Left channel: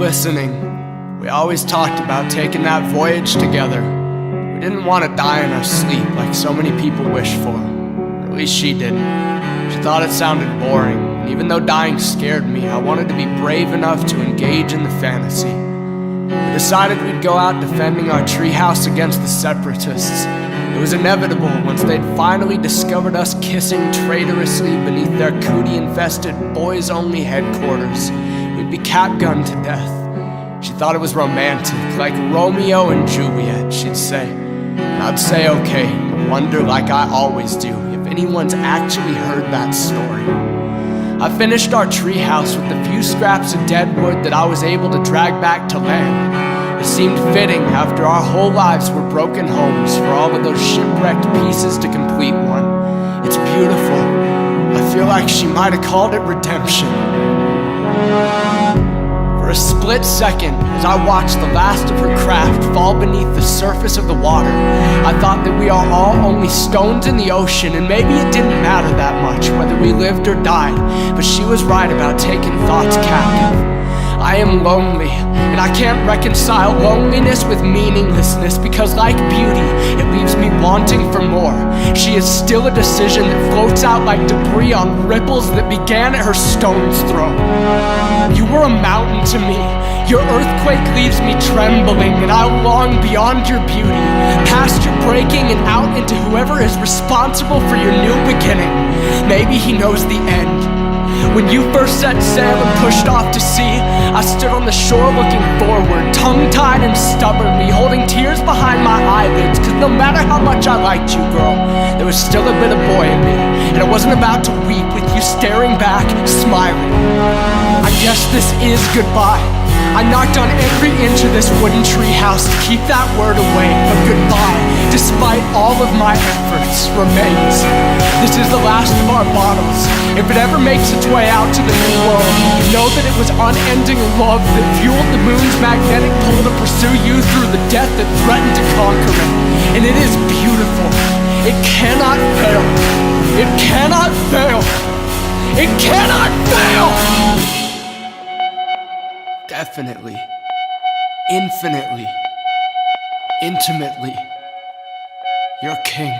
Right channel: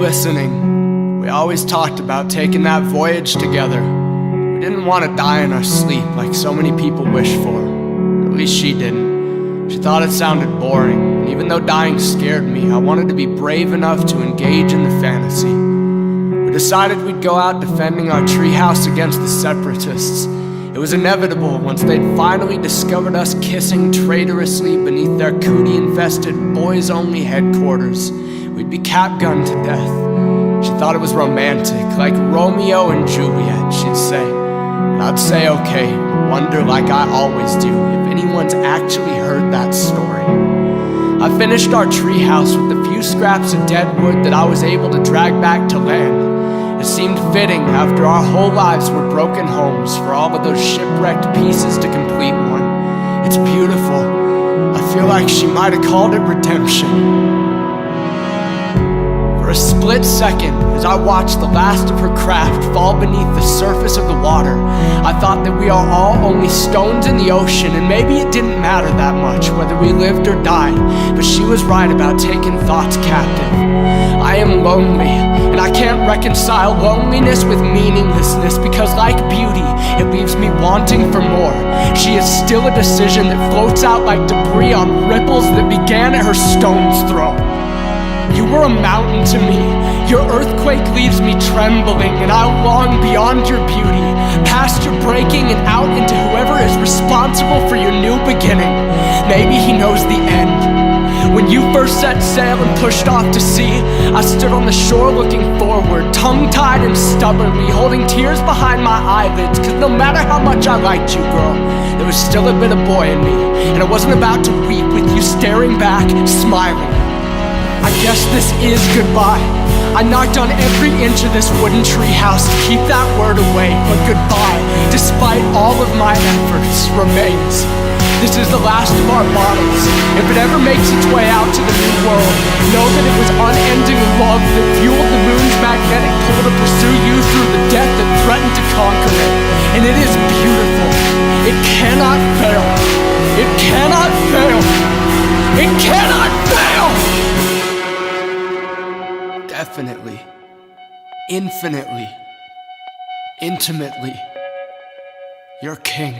listening, we always talked about taking that voyage together. We didn't want to die in our sleep like so many people wish for. At least she didn't. She thought it sounded boring, and even though dying scared me, I wanted to be brave enough to engage in the fantasy. We decided we'd go out defending our treehouse against the separatists. It was inevitable once they'd finally discovered us kissing traitorously beneath their cootie-infested boys-only headquarters. We'd be capgunned to death. She thought it was romantic, like Romeo and Juliet, she'd say. And I'd say okay, but wonder like I always do if anyone's actually heard that story. I finished our treehouse with the few scraps of dead wood that I was able to drag back to land. It seemed fitting after our whole lives were broken homes for all of those shipwrecked pieces to complete one. It's beautiful. I feel like she might have called it redemption. For a split second, as I watched the last of her craft fall beneath the surface of the water, I thought that we are all only stones in the ocean, and maybe it didn't matter that much whether we lived or died, but she was right about taking thoughts captive. I am lonely, and I can't reconcile loneliness with meaninglessness because, like beauty, it leaves me wanting for more. She is still a decision that floats out like debris on ripples that began at her stone's throw. You were a mountain to me. Your earthquake leaves me trembling, and I long beyond your beauty, past your breaking and out into whoever is responsible for your new beginning. Maybe he knows the end. When you first set sail and pushed off to sea, I stood on the shore looking forward, tongue-tied and stubbornly, holding tears behind my eyelids, cause no matter how much I liked you, girl, there was still a bit of boy in me, and I wasn't about to weep with you staring back, smiling. I guess this is goodbye. I knocked on every inch of this wooden treehouse to keep that word away, but goodbye, despite all of my efforts, remains. This is the last of our bottles. If it ever makes its way out to the new world, know that it was unending love that fueled the moon's magnetic pull to pursue you through the death that threatened to conquer it. And it is beautiful. It cannot fail. It cannot fail. It cannot fail! Definitely. Infinitely. Intimately. Your king.